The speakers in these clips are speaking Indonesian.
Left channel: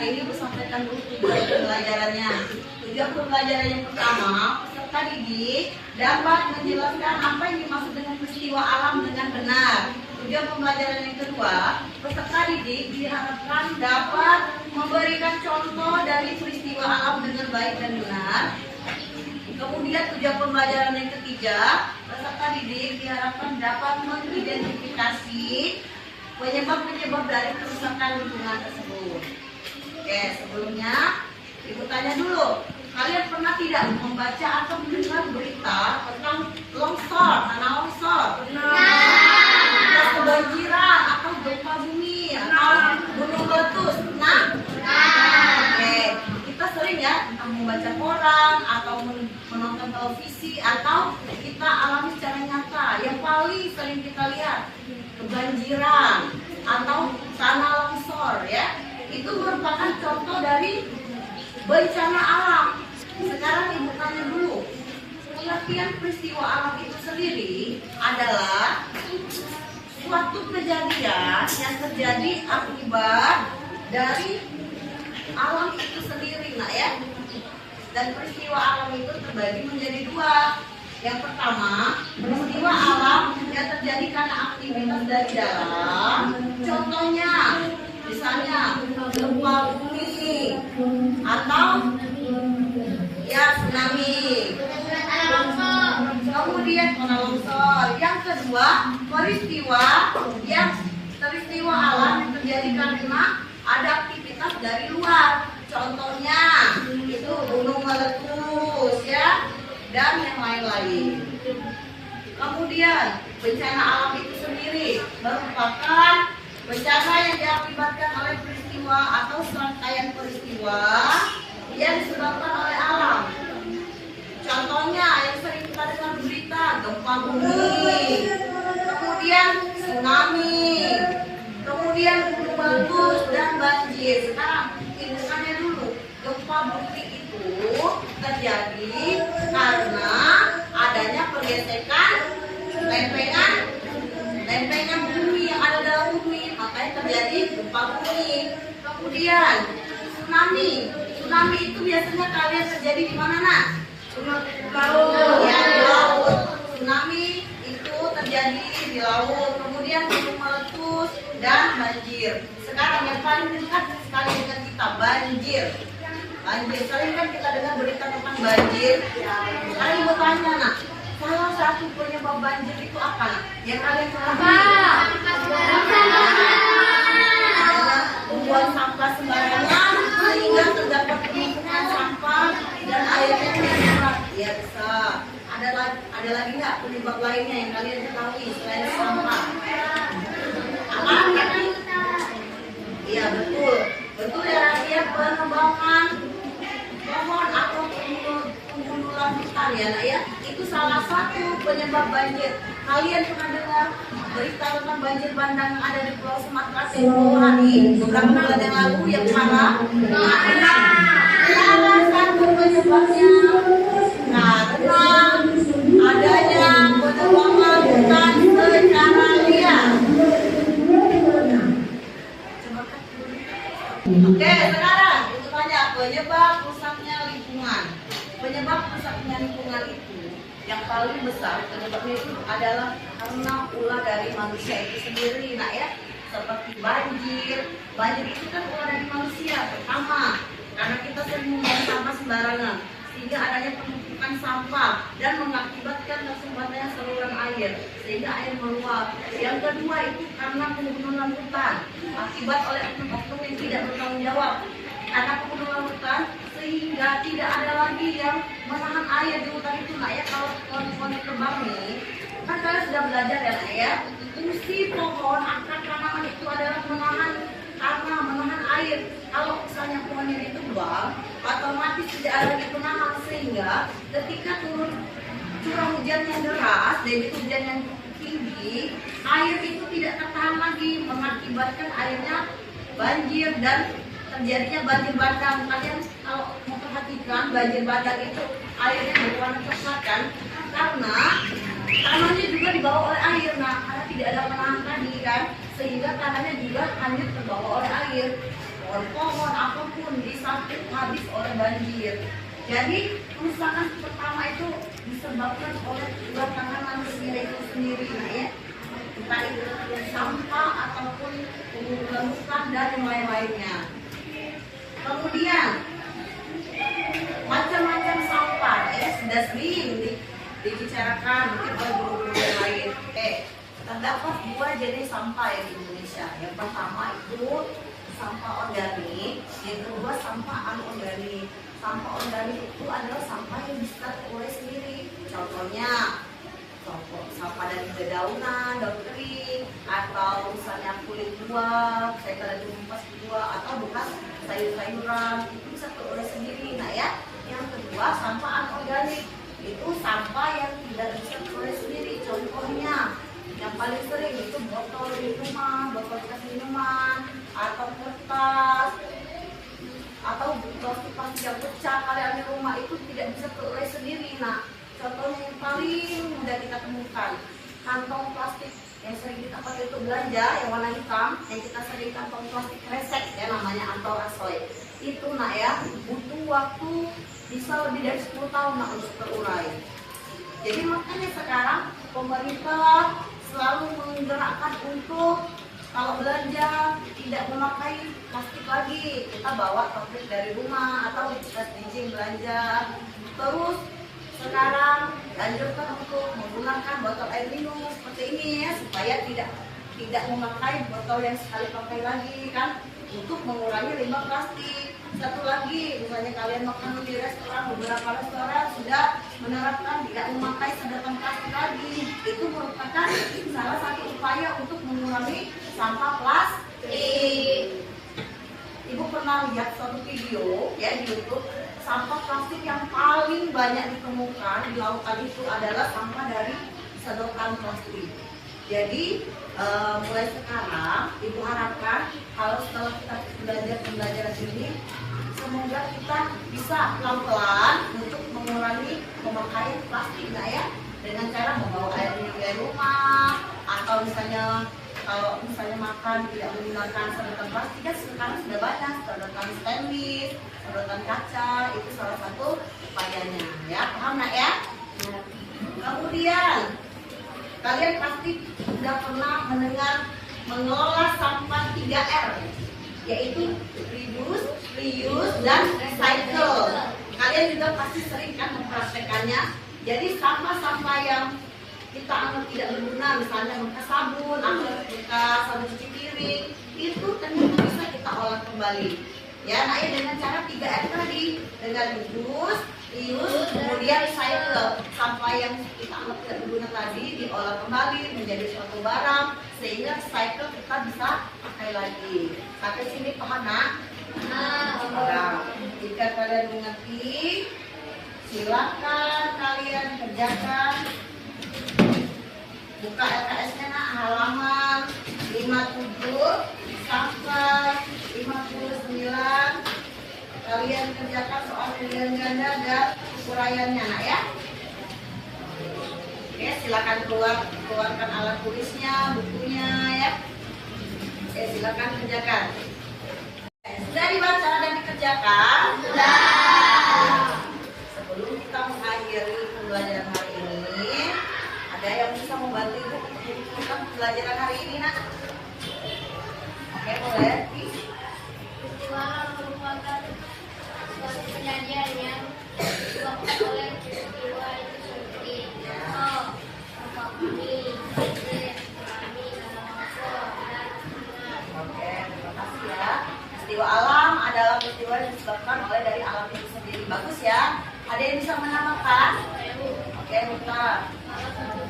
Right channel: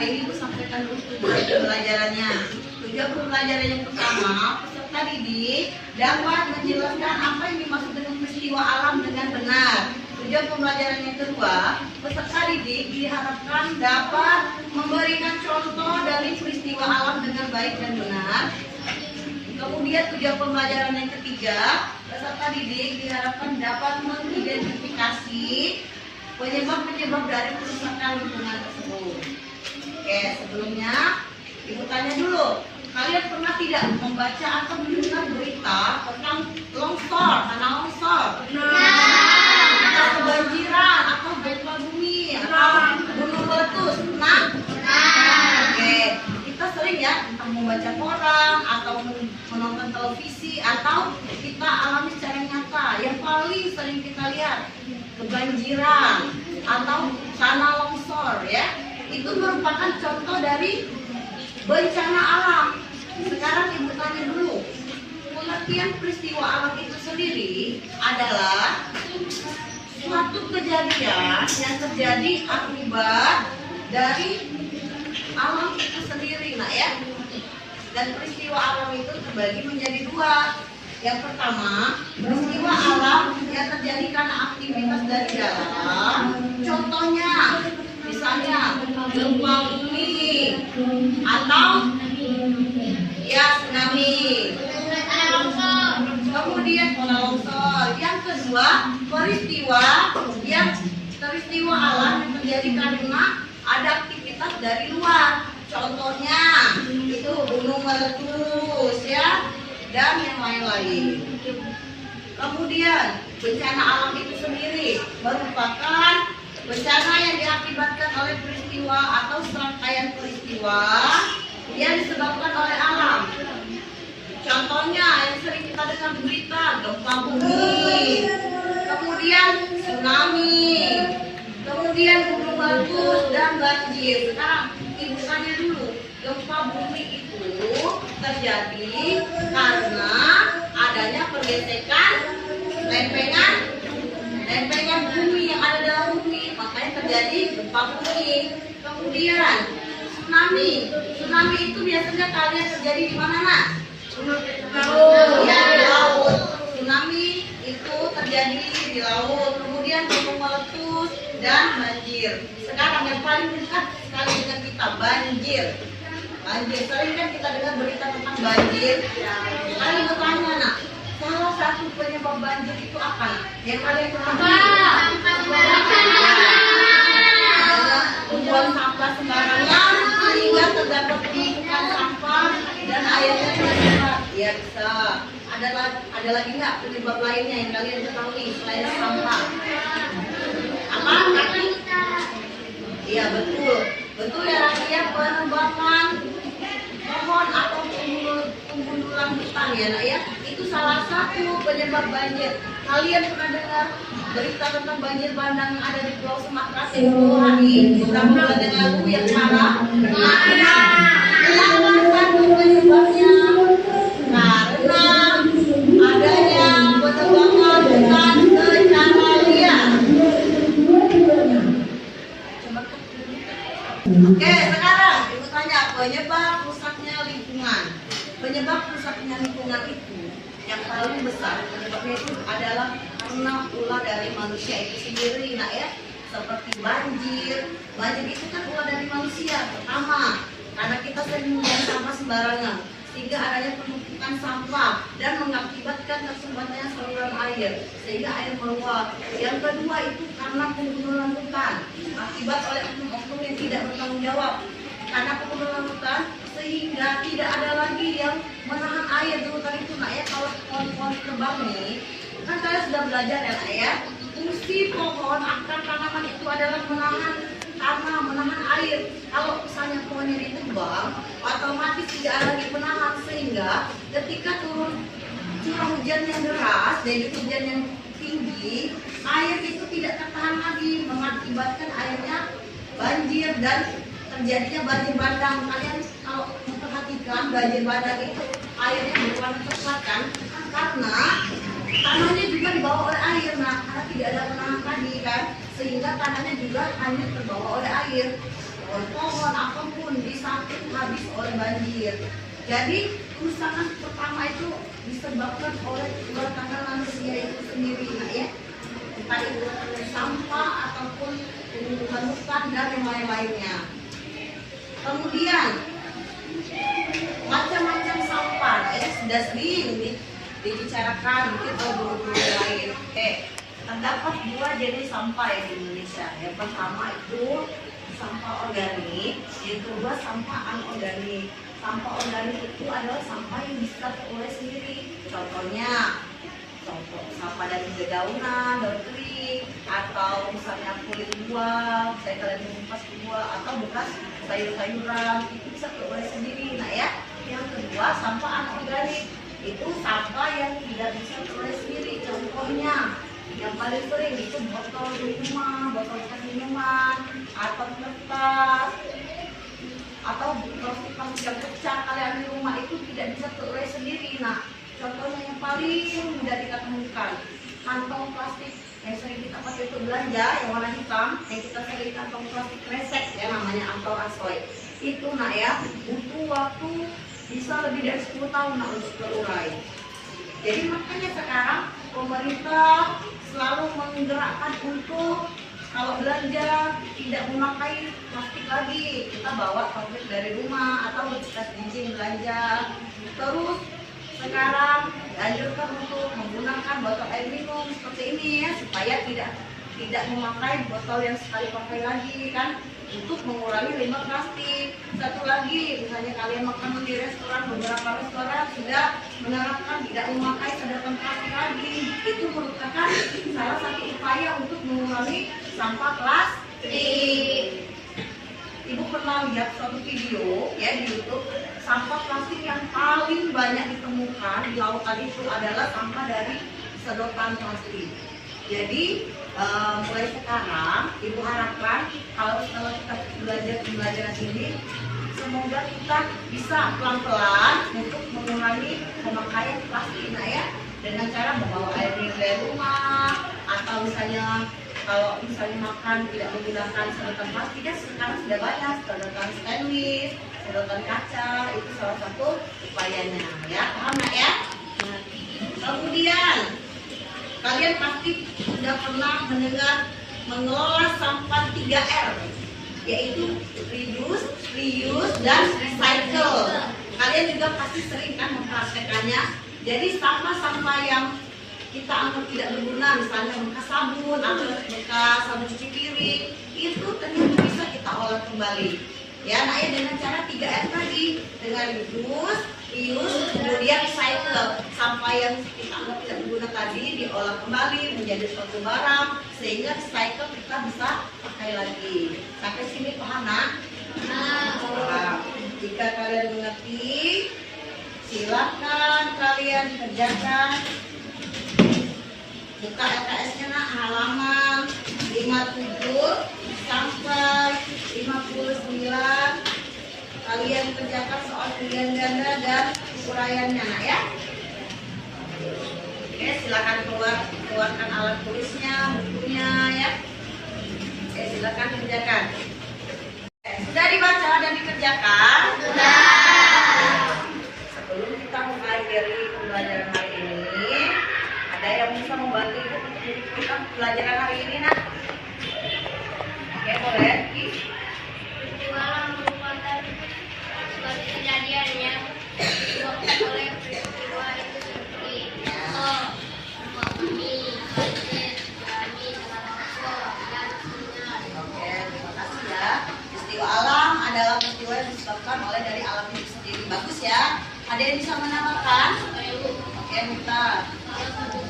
kali ini Bu sampaikan dulu tujuan pembelajarannya. Tujuan pembelajaran yang pertama, peserta didik dapat menjelaskan apa yang dimaksud dengan peristiwa alam dengan benar. Tujuan pembelajaran yang kedua, peserta didik diharapkan dapat memberikan contoh dari peristiwa alam dengan baik dan benar. Kemudian tujuan pembelajaran yang ketiga, peserta didik diharapkan dapat mengidentifikasi penyebab-penyebab dari kerusakan lingkungan tersebut. Oke, sebelumnya Ibu tanya dulu, kalian pernah tidak membaca atau mendengar berita tentang longsor, tanah longsor, atau kebanjiran, atau gempa bumi, atau gunung meletus? Pernah? Oke, kita sering ya entah membaca koran atau menonton televisi atau kita alami secara nyata. Yang paling sering kita lihat kebanjiran atau tanah longsor ya. Itu merupakan contoh dari bencana alam. Sekarang Ibu tanya dulu, pengertian peristiwa alam itu sendiri adalah suatu kejadian yang terjadi akibat dari alam itu sendiri, nah ya. Dan peristiwa alam itu terbagi menjadi dua. Yang pertama, peristiwa alam yang terjadi karena aktivitas dari dalam. Contohnya, misalnya gempa bumi atau ya tsunami. Kemudian tanah longsor. Yang kedua, peristiwa alam yang terjadi karena ada aktivitas dari luar. Contohnya itu gunung meletus ya, dan yang lain-lain. Kemudian bencana alam itu sendiri merupakan bencana yang diakibatkan oleh peristiwa atau serangkaian peristiwa yang disebabkan oleh alam. Contohnya yang sering kita dengar berita, gempa bumi, kemudian tsunami, kemudian gunung meletus dan banjir. Sekarang Ibu tanya dulu, gempa bumi itu terjadi karena adanya pergesekan lempengan bumi yang ada dalam bumi, makanya terjadi gempa bumi. Kemudian tsunami itu biasanya kalian terjadi di mana nak? Ya, di laut. Tsunami itu terjadi di laut. Kemudian gunung meletus dan banjir. Sekarang yang paling dekat sekali dengan kita, banjir. Sering kan kita dengar berita tentang banjir. Kalian bertanya nak, salah satu penyebab banjir itu apa nak? Yang kalian ketahui? Tumpuan sampah sembarangan sehingga terdapat penumpukan sampah dan airnya tercemar. Ya bisa. Ada lagi nggak penyebab lainnya yang kalian ketahui selain sampah? Apa? Iya betul. Betul ya rakyat, penebangan pohon atau penggundulan hutan ya nak ya. Itu salah satu penyebab banjir. Kalian pernah dengar berita tentang banjir bandang yang ada di Pulau Sumatera tempoh hari beberapa bulan yang lalu yang parah? Nah, salah satu penyebabnya karena adanya penebangan hutan secara liar. Oke, sekarang Ibu tanya penyebab rusaknya lingkungan. Penyebab rusaknya lingkungan itu yang paling besar penyebabnya itu adalah karena ulah dari manusia itu sendiri, nak ya. Seperti banjir itu kan ulah dari manusia. Pertama, karena kita sering membuang sampah sembarangan, sehingga adanya penumpukan sampah dan mengakibatkan tersumbatnya saluran air, sehingga air meluap. Yang kedua itu karena penggundulan hutan, akibat oleh oknum-oknum yang tidak bertanggung jawab. Karena penggundulan hutan sehingga tidak ada lagi yang menahan air di hutan itu, nak ya. Kalau pohon-pohon tebang nih, kan kalian sudah belajar ya nak ya. Fungsi pohon akar tanaman itu adalah menahan tanah, menahan air. Kalau misalnya pohonnya ditebang, otomatis tidak ada lagi penahan, sehingga ketika turun curah hujan yang deras, jadi hujan yang tinggi, air itu tidak tertahan lagi, mengakibatkan airnya banjir dan terjadinya banjir bandang. Kalian kalau memperhatikan banjir bandang itu airnya berwarna coklat kan, karena tanahnya juga dibawa oleh air. Nah, karena tidak ada penahan tadi kan, sehingga tanahnya juga hanyut terbawa oleh air. pohon apapun disamping habis oleh banjir. Jadi kerusakan pertama itu disebabkan oleh tangan manusia itu sendiri, nah ya, entah itu sampah ataupun pengumpulan dan yang lain-lainnya. Kemudian macam-macam sampah, ya sudah sering dibicarakan mungkin oleh guru-guru yang lain. Terdapat dua jenis sampah ya di Indonesia. Yang pertama itu sampah organik, yang kedua sampah anorganik. Sampah organik itu adalah sampah yang bisa terolah sendiri. Contohnya, sampah dari dedaunan, daun kering, atau misalnya kulit buah, saya kalian mengupas buah, atau bekas sayur-sayuran, itu bisa terolah sendiri. Nah ya, yang kedua sampah anorganik itu sampah yang tidak bisa terolah sendiri. Contohnya, yang paling sering itu botol minuman, botol bekas minuman, atau kertas, atau plastik-plastik yang pecah kalian di rumah itu tidak bisa terurai sendiri. Nah, contohnya yang paling mudah kita temukan, kantong plastik yang sering kita pakai untuk belanja, yang warna hitam, yang kita sering kantong plastik kresek ya, namanya atau asoy. Itu nak ya, butuh waktu bisa lebih dari 10 tahun nak untuk terurai. Jadi makanya sekarang pemerintah selalu menggerakkan untuk kalau belanja tidak memakai plastik lagi, kita bawa topik dari rumah atau bekas izin belanja. Terus sekarang dianjurkan untuk menggunakan botol air minum seperti ini ya, supaya tidak memakai botol yang sekali pakai lagi kan, untuk mengurangi limbah plastik. Satu lagi, misalnya kalian makan di restoran, beberapa restoran sudah menerapkan tidak memakai sedotan plastik lagi. Itu merupakan salah satu upaya untuk mengurangi sampah plastik. Ibu pernah lihat suatu video ya di YouTube, sampah plastik yang paling banyak ditemukan di lautan itu adalah sampah dari sedotan plastik. Jadi mulai sekarang ibu harapkan kalau setelah kita belajar pembelajaran ini, semoga kita bisa pelan-pelan untuk mengurangi pemakaian plastik, nah ya, dengan cara membawa air minum dari rumah, atau misalnya kalau misalnya makan tidak menggunakan sedotan plastik, kan sekarang sudah banyak sedotan stainless, sedotan kaca, itu salah satu upayanya ya, paham nggak ya? Kemudian kalian pasti sudah pernah mendengar mengelola sampah 3R, yaitu reduce, reuse, dan recycle. Kalian juga pasti sering kan mempraktekannya. Jadi sampah-sampah yang kita anggap tidak berguna, misalnya bekas sabun atau bekas sabun cuci piring, itu ternyata bisa kita olah kembali. Ya, nah ya, dengan cara 3R tadi, dengan reduce, reuse, kemudian recycle. Sampah yang kita anggap tidak berguna tadi diolah kembali menjadi suatu barang, sehingga recycle kita bisa pakai lagi. Sampai sini paham nak? Nah, jika kalian mengerti, silakan kalian kerjakan. Buka LKS-nya nak, halaman 57 sampai 59. Kalian kerjakan soal pilihan ganda dan uraiannya nak ya. Oke, silakan keluarkan alat tulisnya, bukunya ya. Oke, silakan kerjakan. Sudah dibaca dan dikerjakan? Sudah. Sebelum kita mengakhiri pembelajaran hari ini, ada yang bisa membantu ibu untuk menyelesaikan pembelajaran hari ini nak? Oke, boleh. Suatu kejadian yang disebabkan oleh peristiwa itu seperti ekonomi, banjir, tsunami, longsor, dan sebagainya. Oke, terima kasih ya. Peristiwa alam adalah peristiwa yang disebabkan oleh dari alam itu sendiri. Bagus ya. Ada yang bisa menambahkan? Oke, Muta. Salah satu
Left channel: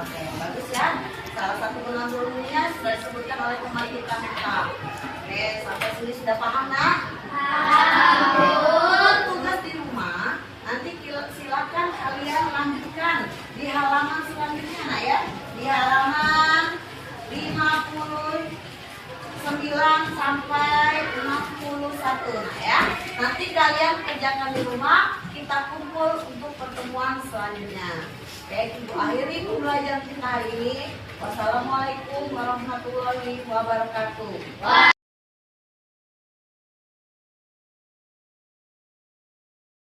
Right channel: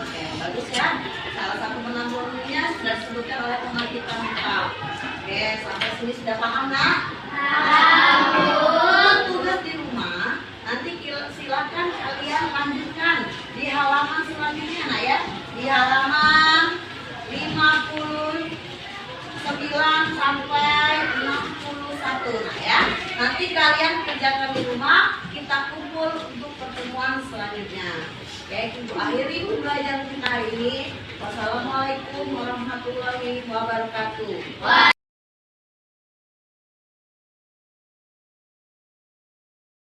Oke, bagus ya. Salah satu penampungannya sudah disebutkan oleh teman kita Muta. Oke, sampai sini sudah paham nak? Untuk tugas di rumah, nanti silakan kalian lanjutkan di halaman selanjutnya nak ya. Di halaman 59 sampai 61 nah ya. Nanti kalian kerjakan di rumah, kita kumpul untuk pertemuan selanjutnya. Oke, ibu akhiri pembelajaran kita hari ini. Wassalamualaikum warahmatullahi wabarakatuh.